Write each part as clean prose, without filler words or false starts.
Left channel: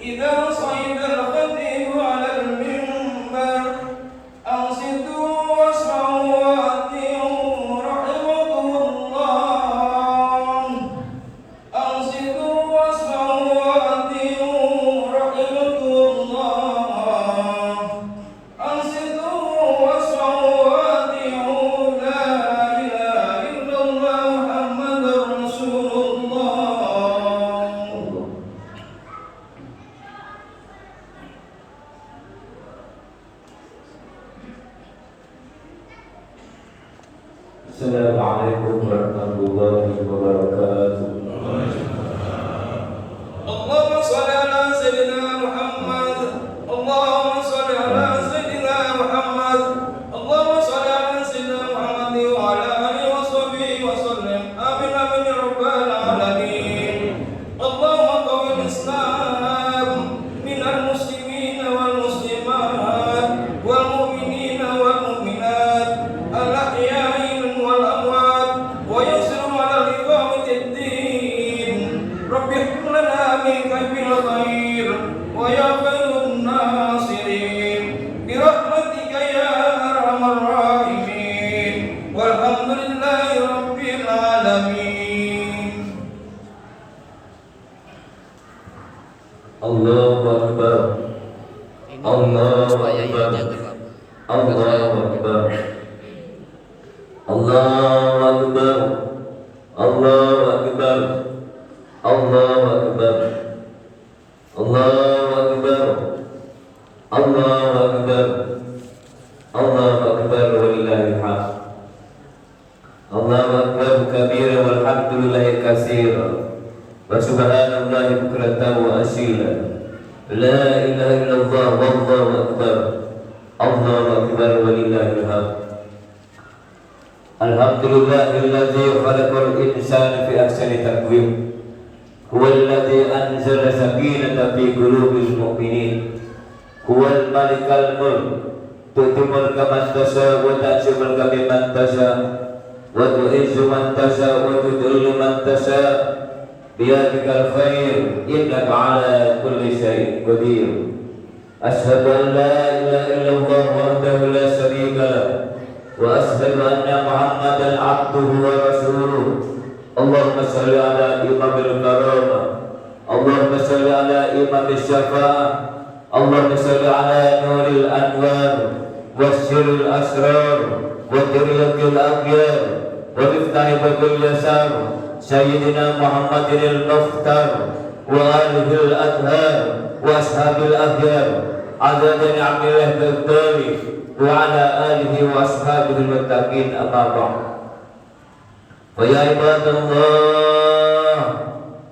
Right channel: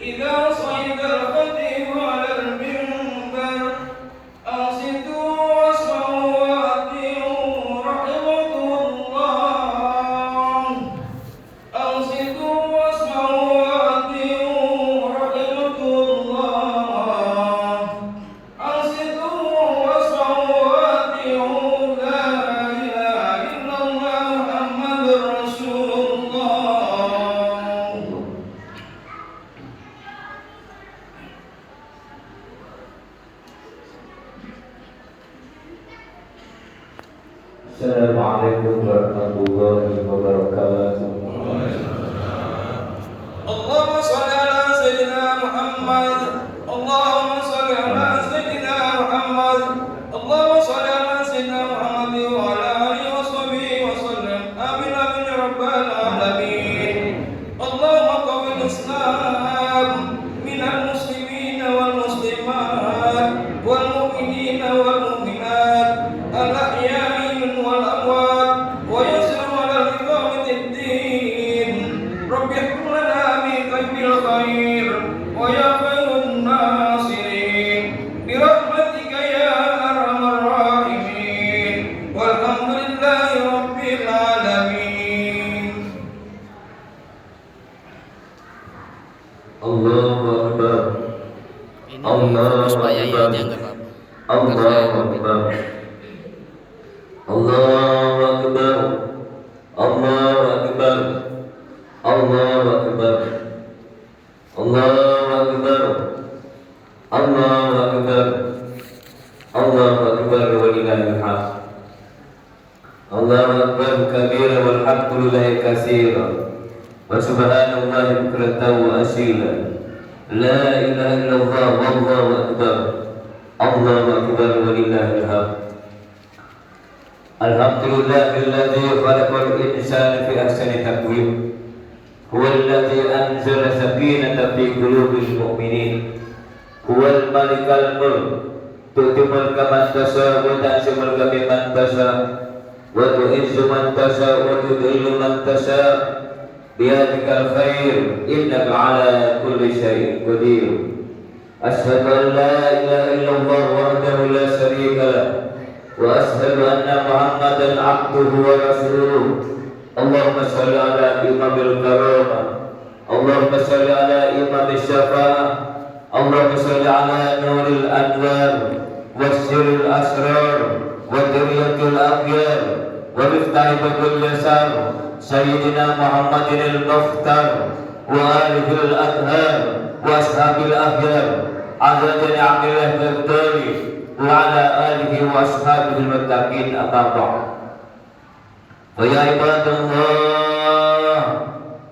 إذا صعد الخطيب على المنبر أنصتوا واسمعوا وأطيعوا رحمكم الله. أنصتوا واسمعوا وأطيعوا رحمكم الله. أنصتوا واسمعوا وأطيعوا لا إله إلا الله محمد رسول الله. Assalamualaikum warahmatullahi wabarakatuh. اللهم صل على سيدنا محمد. اللهم صل على سيدنا محمد. اللهم صل على سيدنا محمد وعلى آله وصحبه وسلم. آمين آمين يا رب العالمين. اللهم قوي الإسلام من المسلمين والمسلمات والمؤمنين والمؤمنات الأحياء والأموات ويسر على إقامة الدين. رب احكم لنا من كيد الخير ويا خير الناصرين برحمتك يا أرحم الراحمين والحمد لله رب العالمين. Allahu Akbar. Ini Allahu supaya ya Akbar. aja nggak apa-apa. Allahu Akbar. Allahu Akbar. Allahu Akbar. Allahu Akbar. Allahu Akbar. Allahu Akbar. Allahu Akbar walillahil hamd. Allahu Akbar kabira walhamdulillahi katsira. Wa subhanallahi bukratan wa asila. La ilaha illallah wallahu akbar. Allahu akbar walillahil hamd. Alhamdulillahilladzi khalaqal insana fi ahsani taqwim. Huwallazi anzala sakinata fi qulubil mu'minin. Huwal malikal mulk. Tu'ti mulka man tasha wa tanzi'u mulka mimman tasha. Wa tu'izzu man tasha wa tudhillu man tasha. Biyadikal khair innaka ala kulli syai'in qadir. Asyhadu an la ilaha illallah wahdahu la syarika lah wa asyhadu anna Muhammadan abduhu wa rasuluh. Allahumma shalli ala imamil karamah. Allahumma shalli ala imamil syafa'ah. Allahumma shalli ala nuril anwar wasyiril asrar wa diryatil akhyar wa miftahil babil yasar Sayyidina Muhammadin al-Mukhtar wa alihi al-adhar wa ashabil akhyar adadani amillah al-dali wa ala alihi wa ashabil muttaqin amma ba'd. Wa ya ibadallah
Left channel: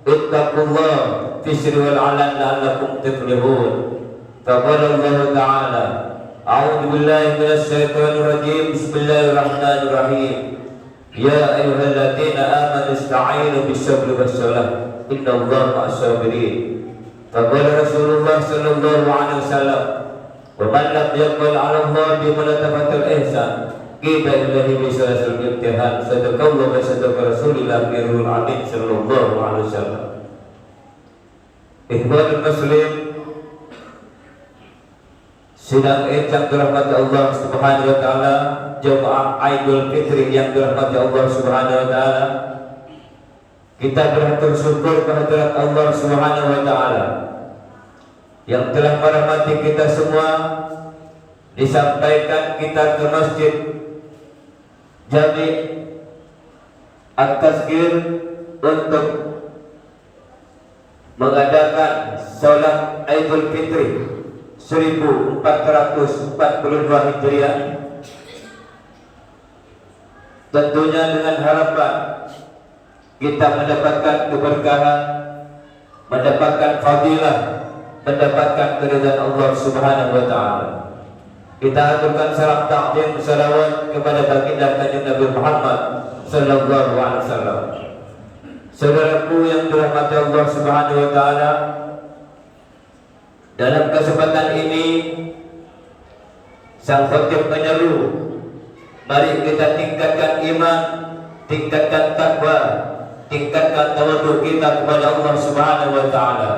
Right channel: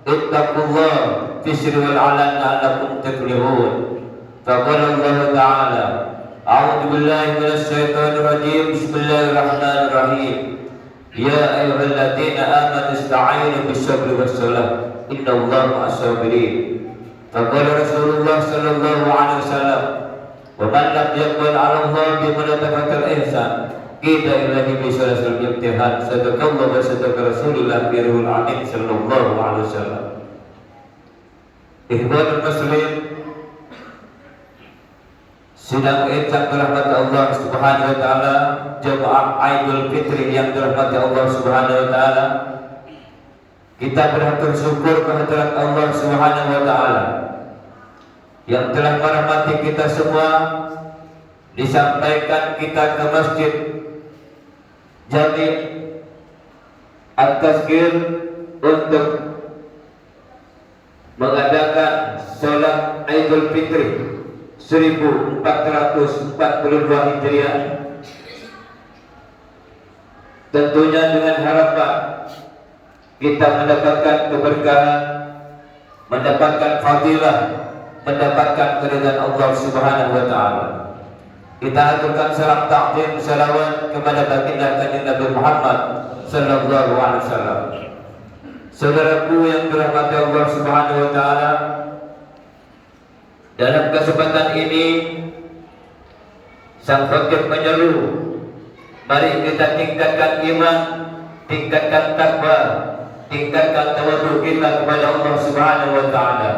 ittaqullah fi sirri wal alan la'allakum tuflihun. Faqala Allah ta'ala a'udzu billahi minasy syaithanir rajim. Bismillahirrahmanirrahim. Ya ayyuhalladzina amanu ista'inu bis-sabri was-salah innallaha ma'as-sabirin. Faqala Rasulullah sallallahu alaihi wasallam wa man lam yaqbal 'ala Allah bi mulatafatil ihsan qila illahi bi salasil imtihan. Sadaqallahu wa sadaqa Rasulullah birrul amin sallallahu alaihi wasallam. Ikhwanul muslim, sidang Id yang dirahmati Allah Subhanahu wa taala, jemaah Aidul Fitri yang dirahmati Allah Subhanahu wa taala. Kita bersyukur kehadirat Allah Subhanahu wa taala yang telah merahmati kita semua. Disampaikan kita ke masjid Jami At-Tazkir untuk mengadakan salat Aidul Fitri 1442 Hijriah, tentunya dengan harapan kita mendapatkan keberkahan, mendapatkan fadilah, mendapatkan keridhaan Allah Subhanahu wa taala. Kita aturkan salam takdim salawat kepada baginda kanjeng Nabi Muhammad sallallahu alaihi wasallam. Saudaraku yang dirahmati Allah Subhanahu wa taala, dalam kesempatan ini sang khatib menyeru, mari kita tingkatkan iman, tingkatkan takwa, tingkatkan tawadhu kita kepada Allah Subhanahu wa taala.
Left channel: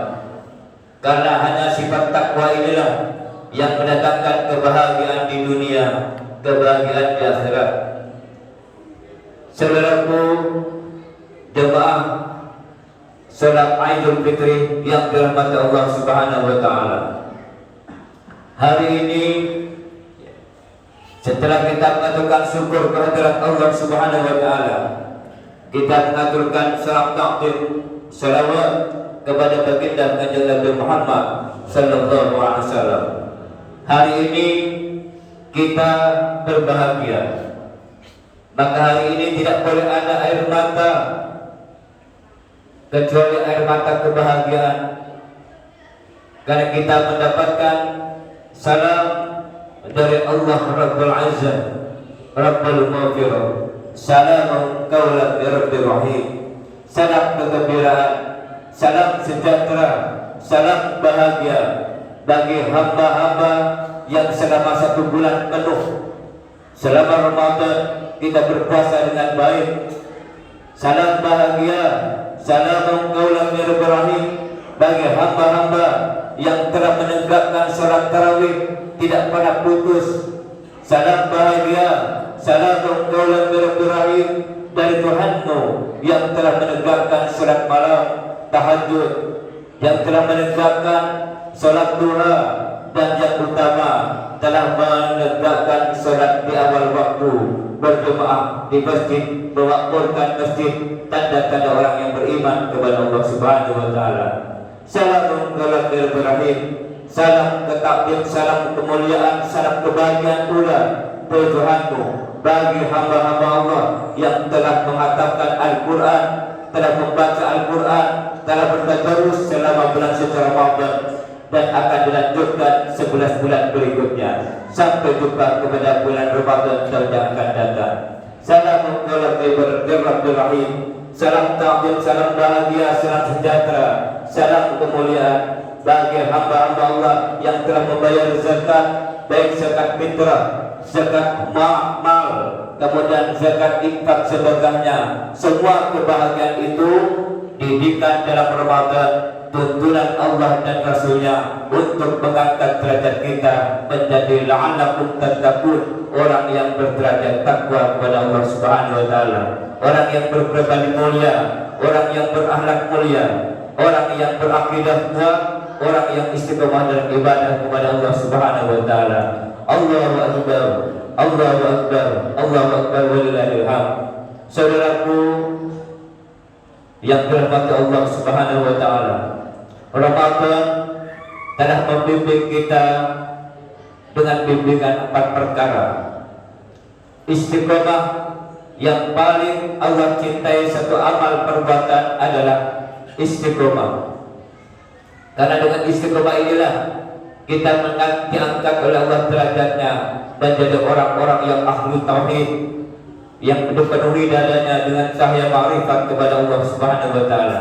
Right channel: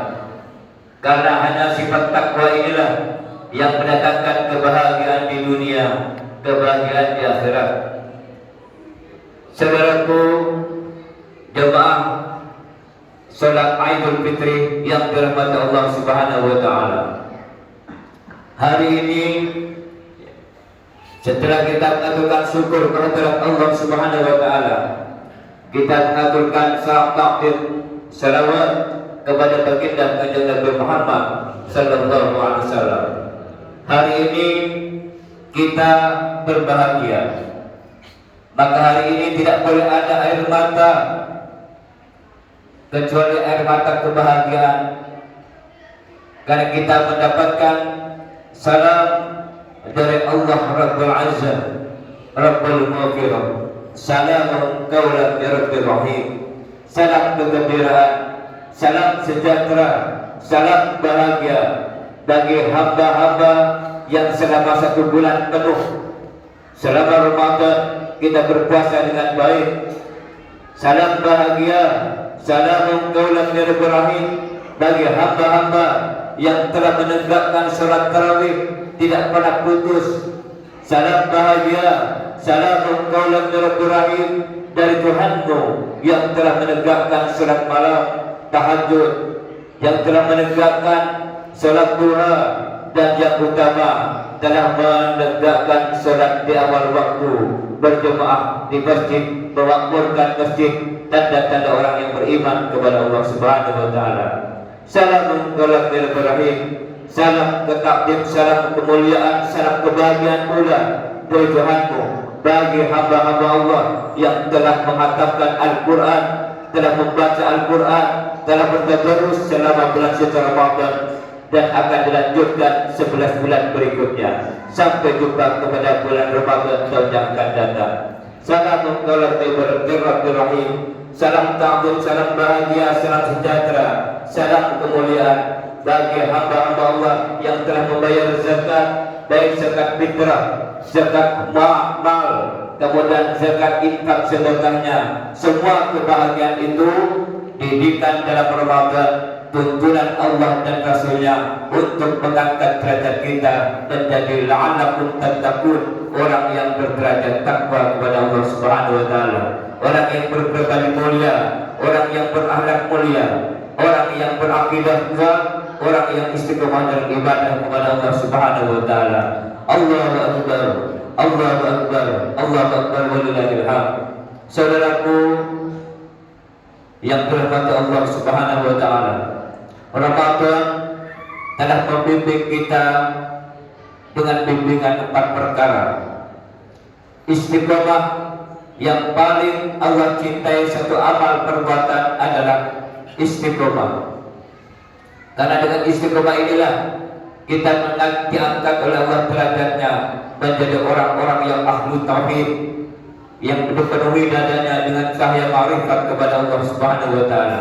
Karena hanya sifat takwa inilah yang mendatangkan kebahagiaan di dunia, kebahagiaan di akhirat. Saudaraku, jemaah salat Idul Fitri yang dirahmati Allah Subhanahu wa taala. Hari ini setelah kita mengaturkan syukur kehadirat Allah Subhanahu wa taala, kita mengaturkan salam takbir salawat kepada baginda Kanjeng Nabi Muhammad sallallahu alaihi wasallam. Hari ini kita berbahagia. Maka hari ini tidak boleh ada air mata kecuali air mata kebahagiaan, karena kita mendapatkan salam dari Allah Rabbul Azza Rabbul Maghfirah. Salam qaulan min Rabbir Rahim. Salam kegembiraan, salam sejahtera, salam bahagia bagi hamba-hamba yang selama 1 bulan penuh selama Ramadan kita berpuasa dengan baik. Salam bahagia, salam qaulan min Rabbir Rahim bagi hamba-hamba yang telah menegakkan salat tarawih tidak pernah putus. Salam bahagia, salam qaulan min Rabbir Rahim dari Tuhanmu yang telah menegakkan salat malam tahajud, yang telah menegakkan salat duha, dan yang utama telah menegakkan salat di awal waktu, berjemaah di masjid, mewakafkan masjid, tanda-tanda orang yang beriman kepada Allah Subhanahu wa taala. Salam qaulan min Rabbir Rahim, salam ketakdir, salam kemuliaan, salam kebahagiaan pula dari Tuhanmu bagi hamba-hamba Allah yang telah menghatamkan Al-Quran, telah membaca Al-Quran, telah bertadarus selama bulan suci Ramadan, dan akan dilanjutkan 11 bulan berikutnya sampai jumpa kepada bulan Ramadan tahun yang akan datang. Salam qaulan min Rabbir Rahim, salam takbir, salam bahagia, salam sejahtera, salam kemuliaan bagi hamba-hamba Allah yang telah membayar zakat, baik zakat fitrah, zakat mal, kemudian zakat infak sedekahnya. Semua kebahagiaan itu didikan dalam Ramadan, tuntunan Allah dan Rasulnya untuk mengangkat derajat kita menjadi la'allakum tattaqun, orang yang berderajat takwa kepada Allah Subhanahu wa taala, orang yang berpribadi mulia, orang yang berakhlak mulia, orang yang berakidah kuat, orang yang istiqomah dalam ibadah kepada Allah Subhanahu wa taala. Allahu akbar, Allahu akbar, Allahu akbar, walillahil hamd. Saudaraku yang dirahmati Allah Subhanahu wa taala, Ramadan telah membimbing kita dengan bimbingan 4 perkara. Istiqomah, yang paling Allah cintai satu amal perbuatan adalah istiqomah. Karena dengan istiqomah inilah kita diangkat oleh Allah derajatnya menjadi orang-orang yang ahlu tauhid, yang dipenuhi dadanya dengan cahaya ma'rifat kepada Allah Subhanahu wa taala.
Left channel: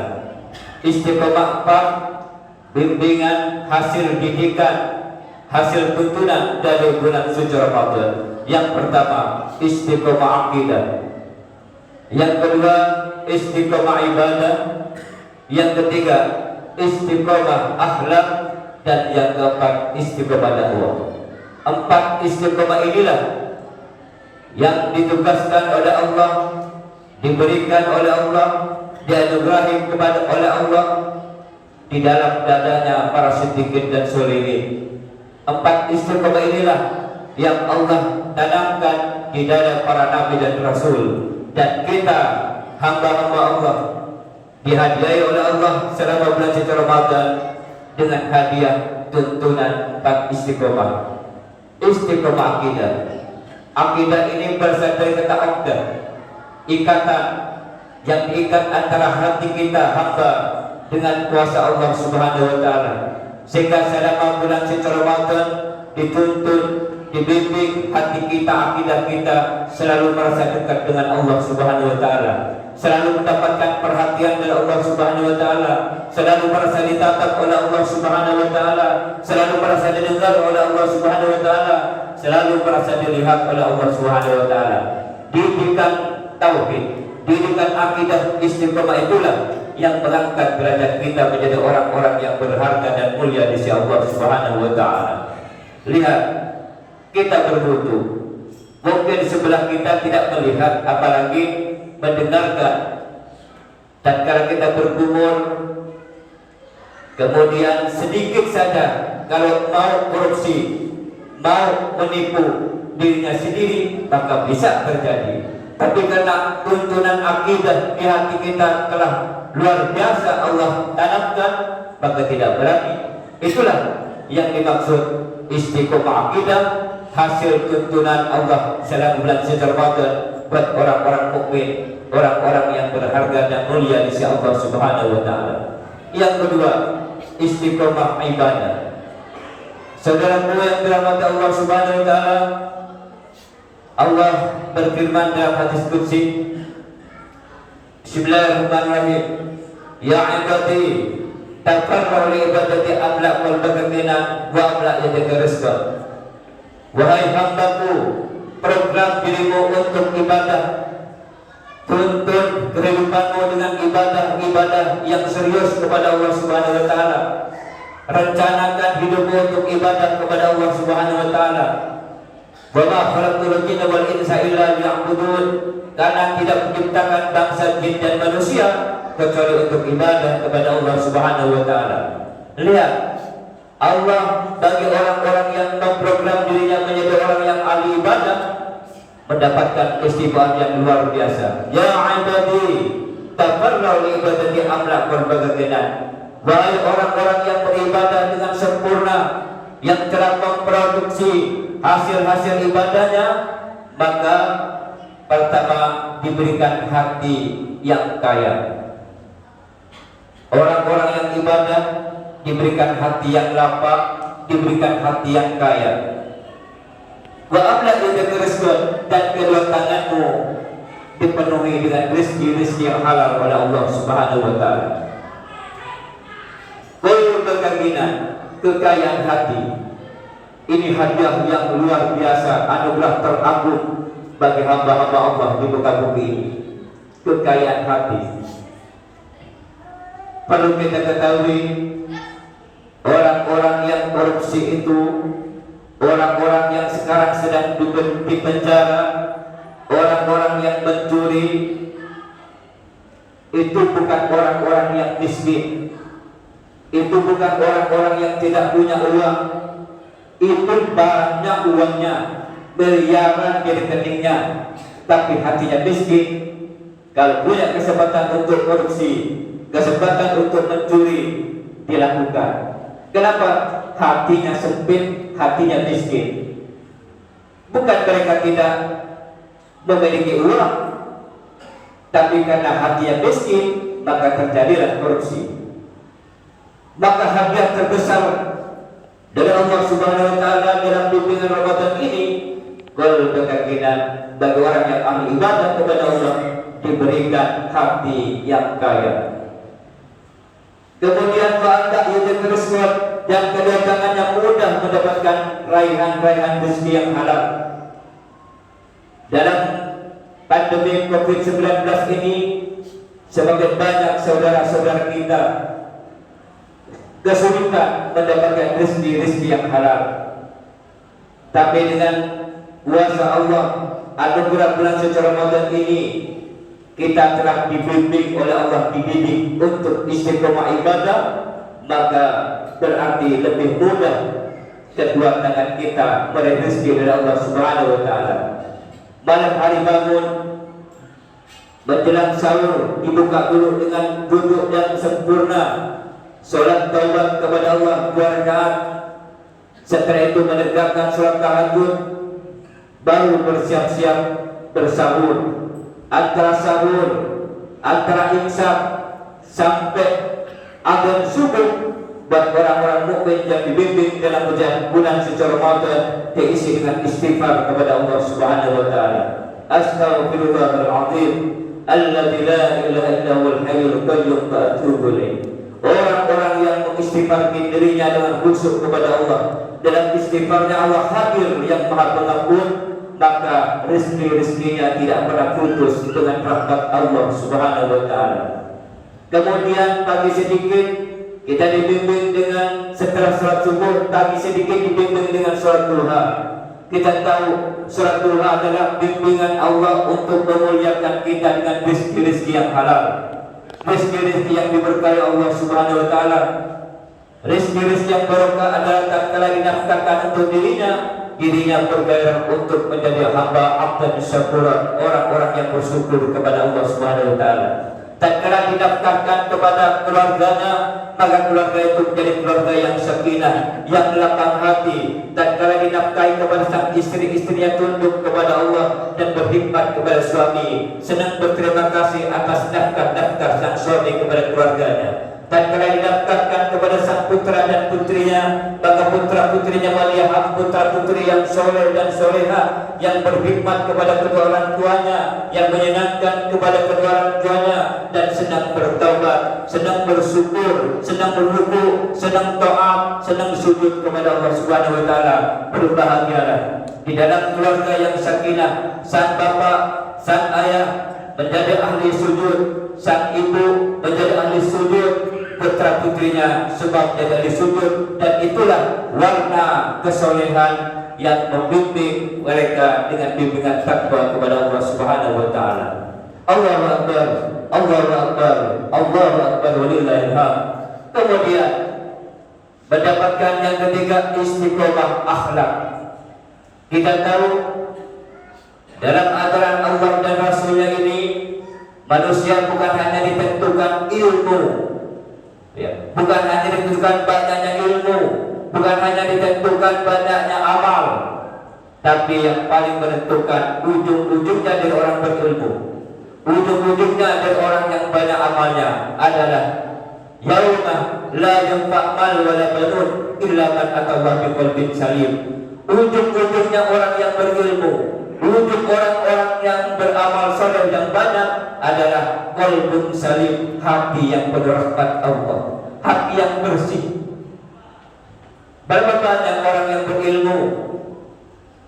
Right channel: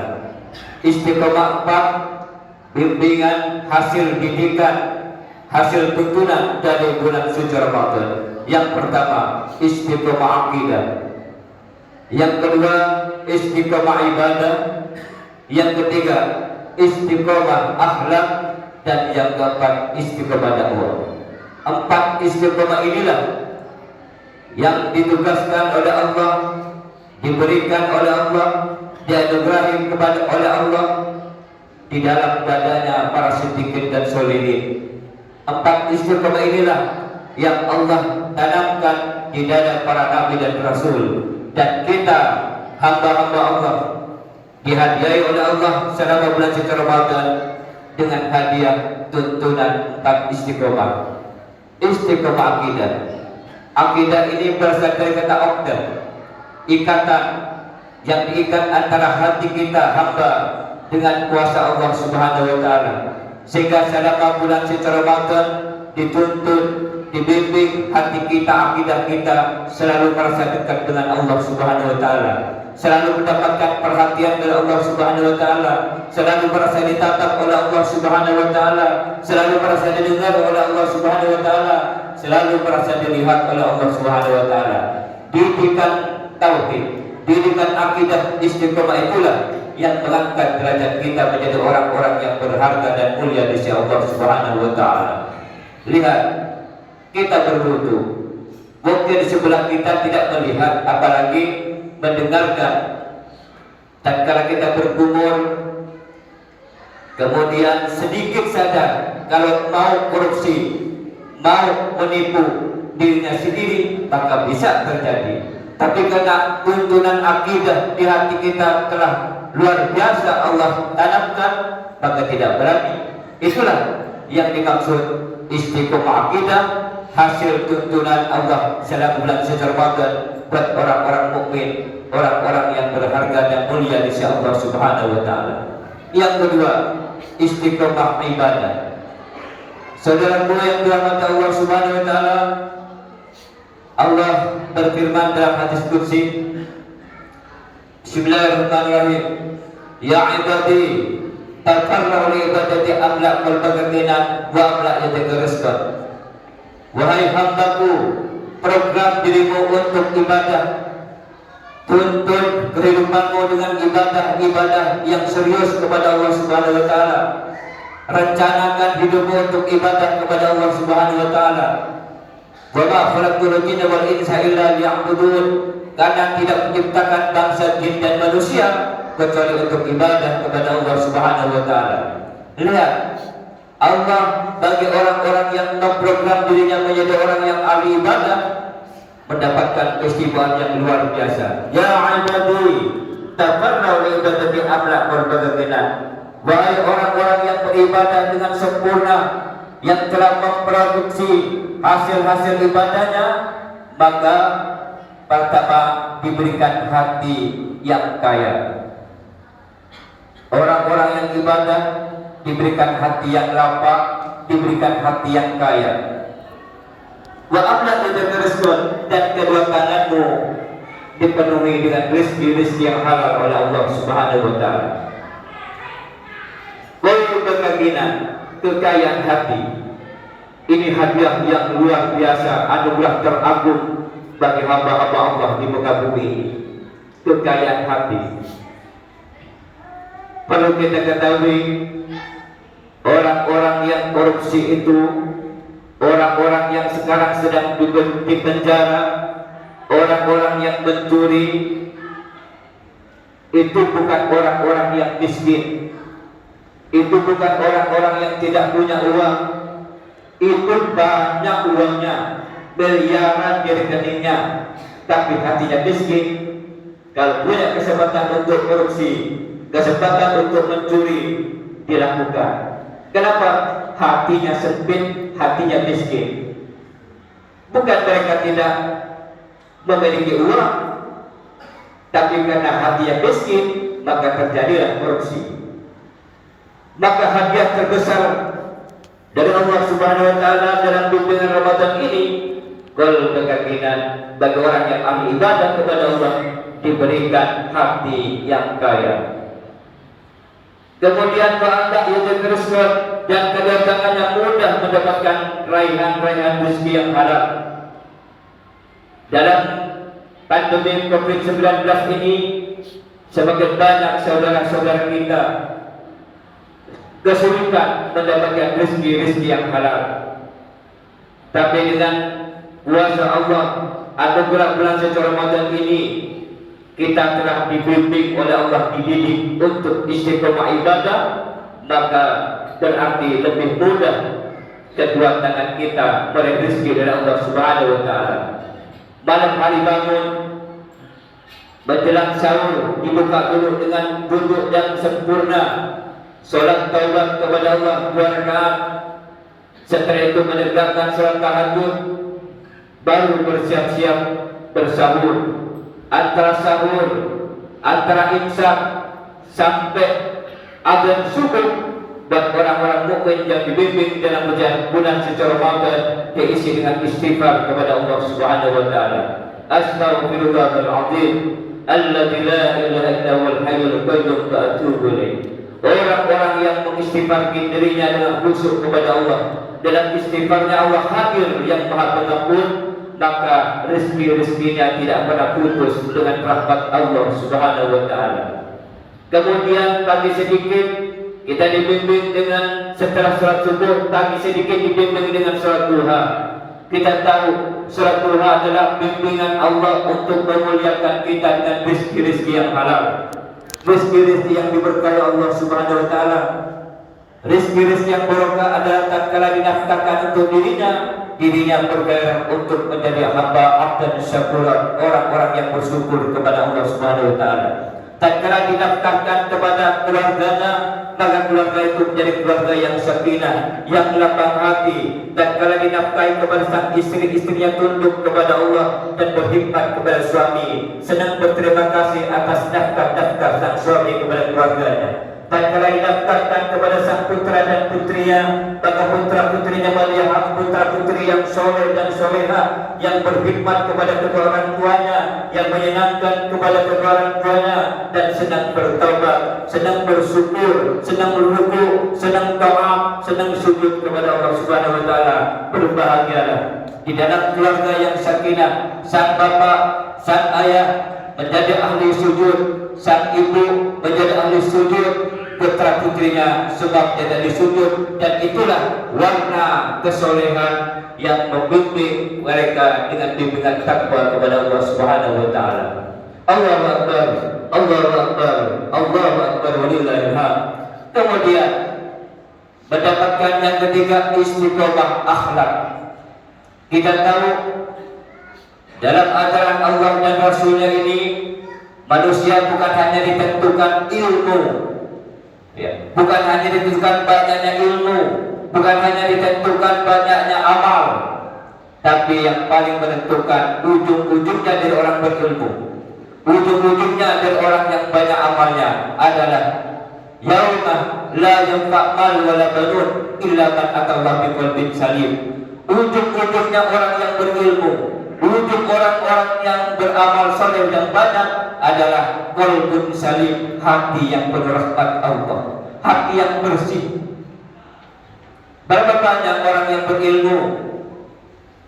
Istiqomah 4, bimbingan, hasil didikan, hasil tuntunan dari bulan suci Ramadan. Yang pertama, istiqomah akidah. Yang kedua, istiqomah ibadah. Yang ketiga, istiqomah akhlak. Dan yang keempat, istiqomah dakwah. 4 istiqomah inilah yang ditugaskan oleh Allah, diberikan oleh Allah, dianugerahi kepada oleh Allah di dalam dadanya para siddiqin dan sholihin. 4 istiqomah inilah yang Allah tanamkan di dada para nabi dan rasul, dan kita hamba-hamba Allah dihadiahi oleh Allah selama bulan suci Ramadan dengan hadiah tuntunan 4 istiqomah. Istiqomah akidah. Akidah ini berasal dari kata aqdah, ikatan yang diikat antara hati kita hamba dengan kuasa Allah Subhanahu wa taala, sehingga selama bulan suci Ramadan dituntun, dibimbing hati kita, akidah kita selalu merasa dekat dengan Allah Subhanahu wa taala, selalu mendapatkan perhatian dari Allah Subhanahu wa taala, selalu merasa ditatap oleh Allah Subhanahu wa taala, selalu merasa didengar oleh Allah Subhanahu wa taala, selalu merasa dilihat oleh Allah Subhanahu wa taala. Didikan tauhid, didikan akidah istiqomah itulah yang mengangkat derajat kita menjadi orang-orang yang berharga dan mulia di sisi Allah Subhanahu wa taala. Lihat, kita berwudu. Mungkin di sebelah kita tidak melihat, apalagi mendengarkan. Tatkala kita berkumur, kemudian sedikit saja kalau mau korupsi, mau menipu dirinya sendiri, maka bisa terjadi. Tapi karena tuntunan akidah di hati kita telah luar biasa Allah tanamkan, maka tidak berani. Itulah yang dimaksud istiqomah akidah, hasil tuntunan Allah selama bulan suci Ramadan buat orang-orang mukmin, orang-orang yang berharga dan mulia di sisi Allah Subhanahu wa taala. Yang kedua, istiqomah ibadah. Saudaraku yang dirahmati Allah Subhanahu wa taala, Allah berfirman dalam hadis qudsi, Bismillahirrahmanirrahim, ya ibadi tafarra'u li ibadati amla qalbaka ghina wa amla yadaka rizqan. Wahai hambaku, program dirimu untuk ibadah, tuntun kehidupanmu dengan ibadah yang serius kepada Allah Subhanahu wa taala. Rencanakan hidupmu untuk ibadah kepada Allah Subhanahu wa taala. Wa ma khalaqtul jinna wal insa illa liya'budun. Karena tidak menciptakan bangsa jin dan manusia kecuali untuk ibadah kepada Allah Subhanahu wa taala. Lihat, Allah bagi orang-orang yang memprogram dirinya menjadi orang yang ahli ibadah mendapatkan keistimewaan yang luar biasa. Ya ibadi tafarra'u li ibadati amla qalbaka ghina. Wahai orang-orang yang beribadah dengan sempurna, yang telah memproduksi hasil-hasil ibadahnya, maka pertama diberikan hati yang kaya. Orang-orang yang ibadah diberikan hati yang lapang, diberikan hati yang kaya. Wa amla yadaka rizqan, dan kedua tanganmu dipenuhi dengan rezeki yang halal oleh Allah Subhanahu wa taala. Kekayaan hati ini hadiah yang luar biasa, anugerah teragung bagi hamba-hamba Allah di muka bumi. Kekayaan hati perlu kita ketahui, orang-orang yang korupsi itu, orang-orang yang sekarang sedang di penjara, orang-orang yang mencuri, itu bukan orang-orang yang miskin. Itu bukan orang-orang yang tidak punya uang. Itu banyak uangnya, miliaran di rekeningnya, tapi hatinya miskin. Kalau punya kesempatan untuk korupsi, kesempatan untuk mencuri, dilakukan. Kenapa? Hatinya sempit, hatinya miskin. Bukan mereka tidak memiliki uang, tapi karena hatinya miskin, maka terjadilah korupsi. Maka hadiah terbesar dari Allah Subhanahu wa taala dalam bimbingan Ramadan ini, qalbaka ghina, bagi orang yang ahli ibadah kepada Allah diberikan hati yang kaya. Kemudian fa'anta yadaka rizqan, dan kedatangannya mudah mendapatkan raihan-raihan rezeki yang halal. Dalam pandemi COVID-19 ini, semakin banyak saudara-saudara kita kesulitan mendapatkan rezeki yang halal. Tapi dengan kuasa Allah, anugerah bulan suci Ramadan ini, kita telah dibimbing oleh Allah, dididik untuk istiqomah ibadah, maka berarti lebih mudah kedua tangan kita oleh rezeki dari Allah Subhanahu wa taala. Malam hari bangun, menjelang sahur, dibuka dulu dengan duduk yang sempurna, sholat taubat kepada Allah 2 rakaat. Setelah itu menegakkan sholat tahajud, baru bersiap-siap bersahur. Antara sahur, antara imsak sampai adzan subuh, buat orang-orang mukmin yang dibimbing dalam bulan suci Ramadan diisi dengan istighfar kepada Allah Subhanahu wa taala. Astaghfirullahal azim alladzi la ilaha illa huwal hayyul qayyum wa atubu ilaih. Orang-orang yang mengistighfarkan dirinya dengan khusyuk kepada Allah, dalam istighfarnya Allah hadir yang Maha Pengampun, maka rezeki-rezekinya tidak pernah putus dengan rahmat Allah Subhanahu wa taala. Kemudian pagi sedikit kita dibimbing dengan setelah sholat subuh, pagi sedikit dibimbing dengan sholat duha. Kita tahu sholat duha adalah bimbingan Allah untuk memuliakan kita dengan rezeki-rezeki yang halal, rezeki-rezeki yang diberkahi Allah Subhanahu wa taala. Rezeki-rezeki yang barokah adalah tatkala dinafkahkan untuk dirinya bergairah untuk menjadi hamba abdan syakuran, orang-orang yang bersyukur kepada Allah Subhanahu wa taala. Tatkala dinafkahkan kepada keluarganya, maka keluarga itu menjadi keluarga yang sakinah, yang lapang hati. Tatkala dinafkahi kepada sang istri-istrinya tunduk kepada Allah dan berkhidmat kepada suami, senang berterima kasih atas nafkah-nafkah sang suami kepada keluarganya. Tatkala dinafkahkan kepada sang putra dan putrinya, maka putra-putrinya melihat putra-putri yang soleh dan soleha, yang berkhidmat kepada kedua orang tuanya, yang menyenangkan kepada kedua orang tuanya, dan senang bertaubat, senang bersyukur, senang berruku, senang taat, senang sujud kepada Allah Subhanahu wa taala. Berbahagialah di dalam keluarga yang sakinah. Sang bapak, sang ayah menjadi ahli sujud, sang ibu menjadi ahli sujud, putra putrinya sebab menjadi sujud, dan itulah warna kesolehan yang membimbing mereka dengan bimbingan takwa kepada Allah Subhanahu wa taala. Allahu akbar, Allahu akbar, Allahu akbar, walillahil hamd. Kemudian mendapatkan yang ketiga, istiqomah akhlak. Kita tahu dalam ajaran Allah dan Rasulnya ini, manusia bukan hanya ditentukan ilmu, bukan hanya ditentukan banyaknya ilmu, bukan hanya ditentukan banyaknya amal, tapi yang paling menentukan ujung-ujungnya dari orang berilmu, ujung-ujungnya dari orang yang banyak amalnya adalah yauma la yanfa' mal wala banun illa man atallaha biqalbin salim. Ujung-ujungnya orang yang berilmu, ujung orang-orang yang beramal soleh yang banyak adalah qalbun salim, hati yang penuh rahmat Allah, hati yang bersih. Berapa banyak orang yang berilmu,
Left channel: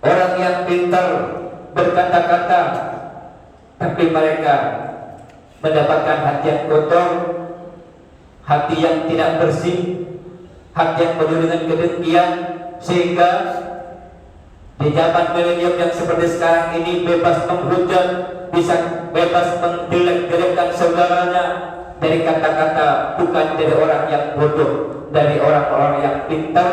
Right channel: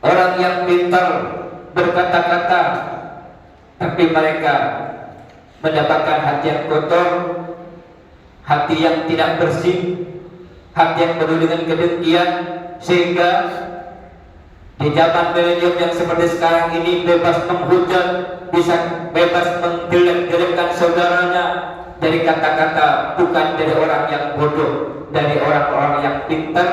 orang yang pintar berkata-kata, tapi mereka mendapatkan hati yang kotor, hati yang tidak bersih, hati yang penuh dengan kedengkian, sehingga di zaman milenium yang seperti sekarang ini bebas menghujat, bisa bebas menjelek-jelekkan saudaranya dari kata-kata, bukan dari orang yang bodoh, dari orang-orang yang pintar,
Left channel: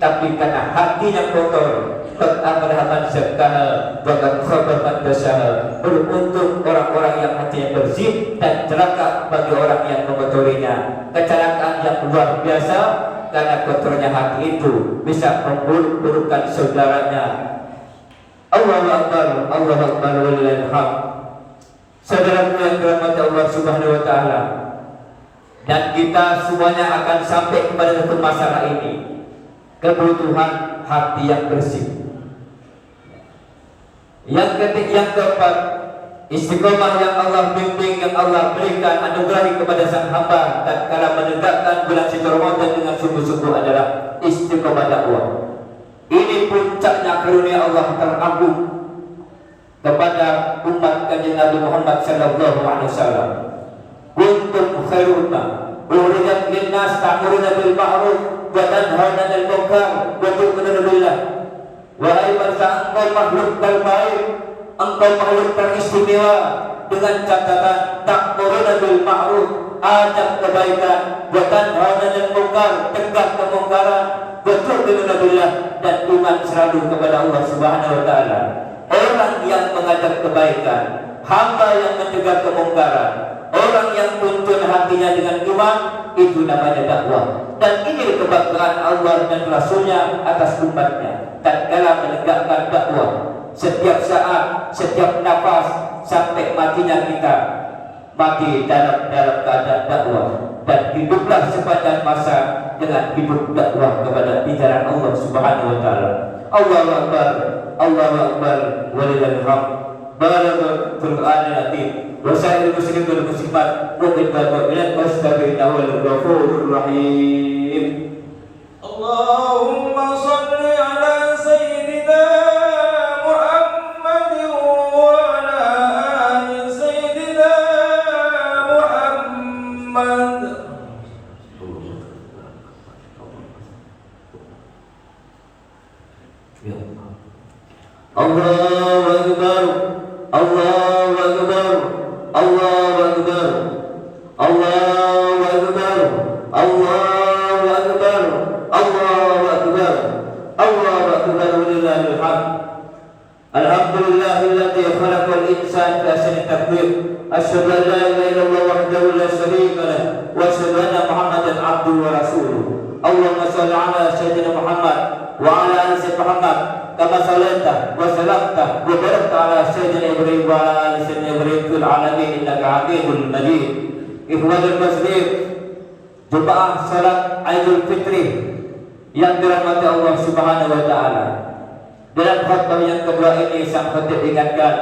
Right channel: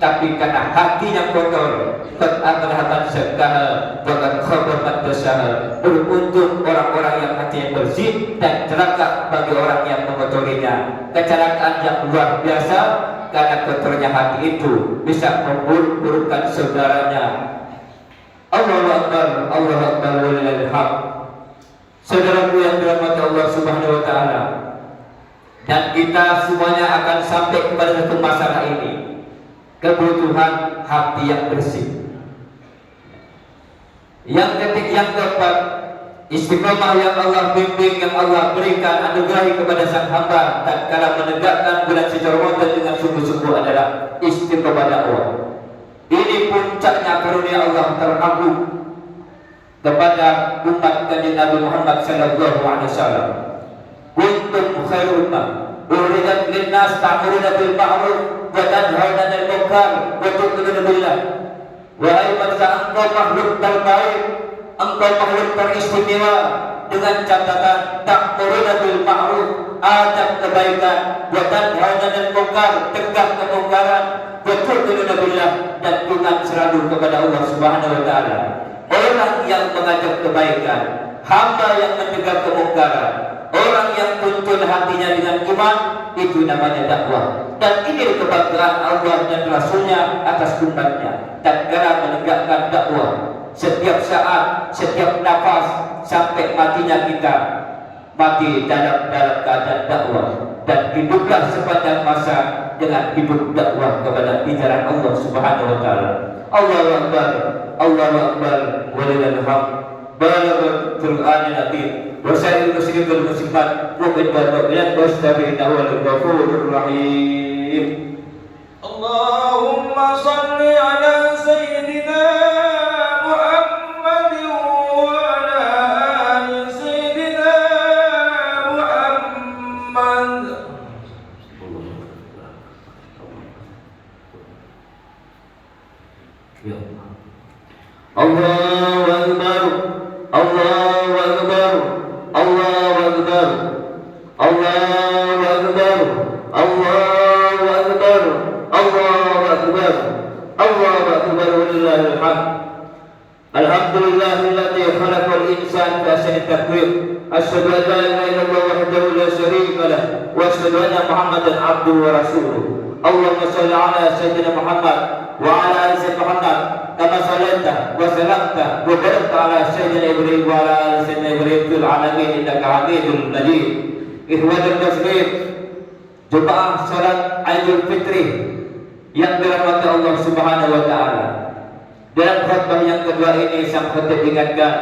tapi karena hatinya kotor. Qad abrahaman zakkaha wa qad khaba man dasaha. Beruntung orang-orang yang hatinya bersih, dan celaka bagi orang yang mengotorinya. Kecelakaan yang luar biasa, karena kotornya hati itu bisa memburuk-burukkan saudaranya. Allahu akbar, Allahu akbar, walillahil hamd. Saudaraku yang dirahmati Allah Subhanahu wa taala, dan kita semuanya akan sampai kepada satu masalah ini, kebutuhan hati yang bersih. Yang keempat, istiqomah yang Allah bimbing, yang Allah berikan anugerahi kepada sang hamba tatkala menegakkan bulan suci Ramadan dengan sungguh-sungguh adalah istiqomah dakwah. Ini puncaknya karunia Allah teragung kepada umat kanjeng Nabi Muhammad sallallahu alaihi wasallam. Kuntum khairul ummah ukhrijat lin-nas ta'muruna bil ma'ruf wa tanhauna 'anil munkar wa tu'minuna billah. Wahai bangsa, engkau makhluk terbaik, engkau makhluk teristimewa, dengan catatan ta'muruna bil ma'ruf, ajak kebaikan, wa tanhauna 'anil munkar, cegah kemungkaran, wa tu'minuna billah, dan iman selalu kepada Allah Subhanahu wa taala. Orang yang mengajak kebaikan, hamba yang mencegah kemungkaran, orang yang tuntun hatinya dengan iman, itu namanya dakwah. Dan ini kebanggaan Allah dan Rasulnya atas umatnya. Tatkala menegakkan dakwah, setiap saat, setiap nafas, sampai matinya kita, mati dalam keadaan dakwah, dan hiduplah sepanjang masa dengan hidup dakwah kepada ajaran Allah Subhanahu wa taala. Allahu akbar, Allahu akbar, walillahil hamd. Barakallahu Qur'anil azim. Wassalamu alaikum warahmatullahi wabarakatuh. Allahumma salli ala sayyidina Muhammad wa ala ali sayyidina Muhammad. Ya. Allahu Akbar, Allahu Akbar, Allahu Akbar, Allahu Akbar, Allahu Akbar, Allahu Akbar, Allahu Akbar, walillahil hamd. Alhamdulillahilladzi khalaqal insana fi ahsani taqwim. Asyhadu an la ilaha illallah wahdahu la syarika lah wa asyhadu anna Muhammadan abduhu wa rasuluh. Allahumma shalli ala sayyidina Muhammad wa ala ali sayyidina Muhammad kama shallaita wa sallamta wa barakta ala sayyidina Ibrahim wa ala ali sayyidina Ibrahim fil alamin innaka Hamidul Majid. Ikhwanul muslim, jemaah salat Idul Fitri yang dirahmati Allah Subhanahu wa taala. Dalam khutbah yang kedua ini sang khutib ingatkan,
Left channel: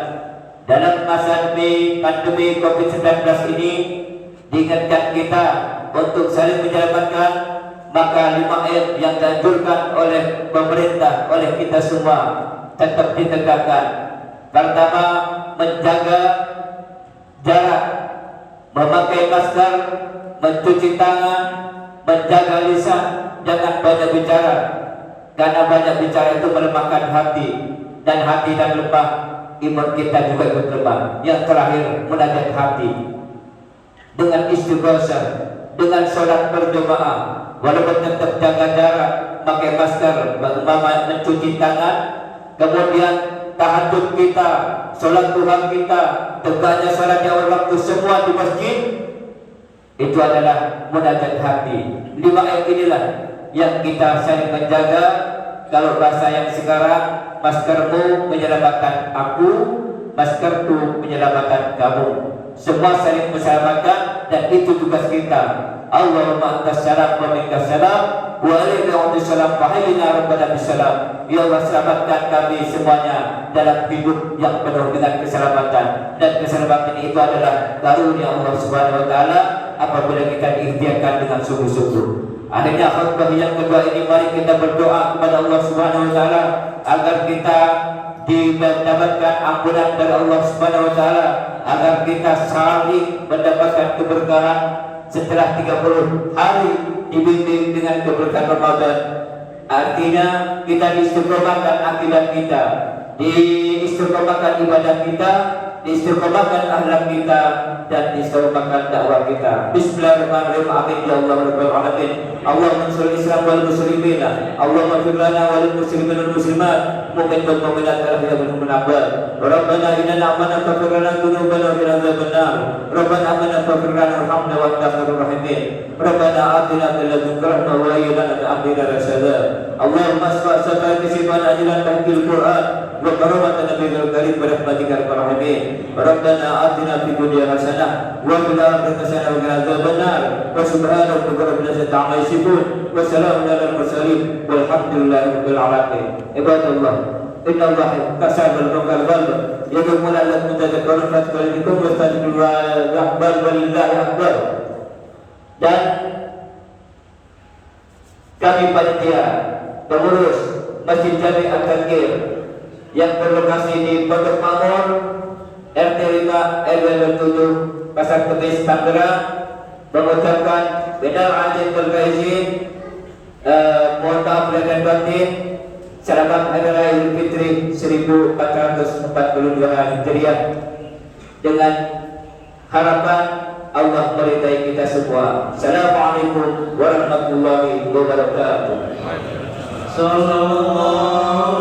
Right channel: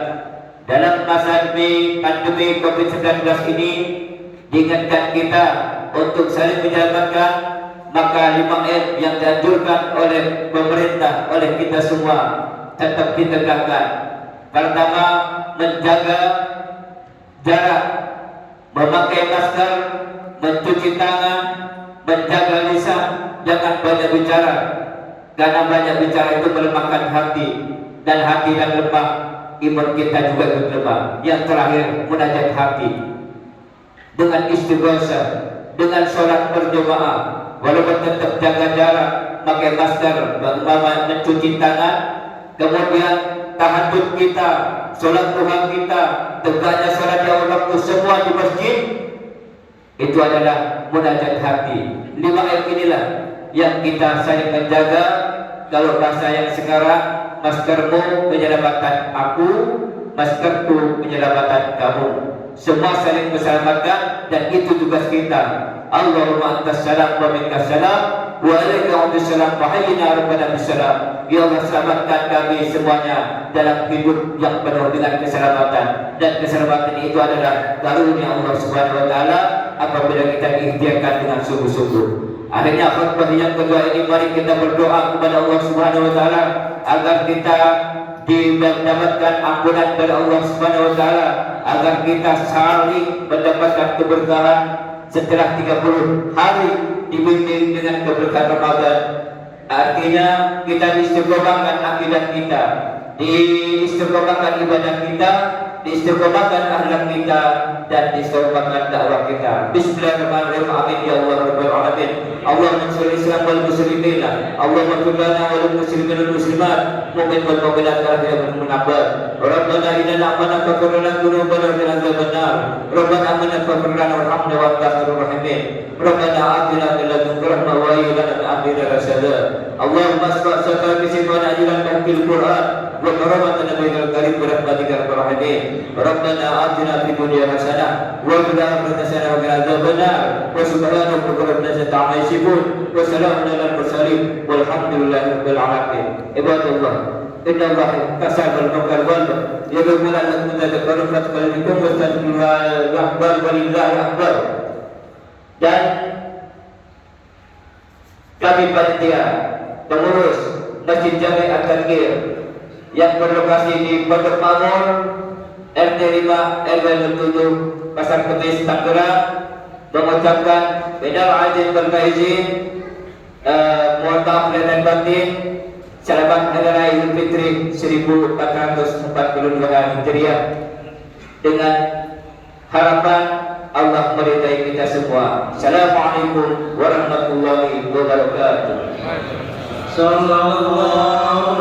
dalam masa pandemi COVID-19 ini diingatkan kita untuk saling menyelamatkan maka 5M yang dianjurkan oleh pemerintah, oleh kita semua tetap ditegakkan. Pertama, menjaga jarak, memakai masker, mencuci tangan, menjaga lisan, jangan banyak bicara. Karena banyak bicara itu melemahkan hati, dan hati yang lemah, iman kita juga lemah. Yang terakhir, munajat hati dengan istighosah, dengan sholat berjamaah, walaupun tetap jaga jarak, pakai masker, mencuci tangan, kemudian tahajud kita, sholat Tuhan kita, tegaknya sholat yang waktu semua di masjid, itu adalah munajat hati. 5M inilah yang kita saling menjaga. Kalau bahasa yang sekarang, maskermu penyelamatan aku, maskerku penyelamatan kamu. Semua saling menyelamatkan, dan itu tugas kita. Allahumma antas salam wa minkas salam wa alaika antas salam wa hayyina rabbana bisalam. Ya Allah, selamatkan kami semuanya dalam hidup yang penuh dengan keselamatan, dan keselamatan itu adalah karunia Allah Subhanahu wa taala apabila kita diikhtiarkan dengan sungguh-sungguh. Akhirnya khutbah yang kedua ini, mari kita berdoa kepada Allah Subhanahu wa taala agar kita mendapatkan ampunan dari Allah Subhanahu wa taala, agar kita saling mendapatkan keberkahan setelah 30 hari dibimbing dengan keberkahan Ramadan. Artinya kita diistiqomahkan akidah kita, diistiqomahkan ibadah kita, diistiqomahkan akhlak kita, dan diistiqomahkan dakwah kita. Bismillahirrahmanirrahim. Amin ya Allah rabbal alamin. Allahumma shalli Islam wal muslimin. Allahumma ighfir lana wal muslimin wal muslimat. Mu'min wal mu'minat wal mu'minat. Rabbana innana amanna faghfir lana dhunubana wa qina adzaban nar. Rabbana amanna faghfir lana warhamna wa anta khairur rahimin. Rabbana atina min ladunka rahmah wa hayyi lana min amrina rashada. Allahumma asfa' sakal bisiman ajilan tahfil Qur'an wa karamatan nabiyil karim bi rahmatika ya arhamar rahimin. Rabbana atina fid dunya hasanah wa fil akhirati hasanah wa qina adzaban nar. Wa subhanaka rabbil izzati amma yasifun wa salamun alal mursalin walhamdulillahi rabbil alamin. Ibadallah, inna Allah kasabal maqal wal yadumuna lakum tadhakkarun fatqalikum wa tadbiru akbar walillahi akbar. Dan kami panitia pengurus Masjid Jami At-Tadhkir yang berlokasi di Pondok Makmur RT 5 RW 07 Pasar Kemis Tangerang mengucapkan minal aidin wal faizin, mohon maaf lahir dan batin. Selamat Hari Raya Idul Fitri 1442 Hijriah, dengan harapan Allah meridai kita semua. Assalamualaikum warahmatullahi wabarakatuh. Sallallahu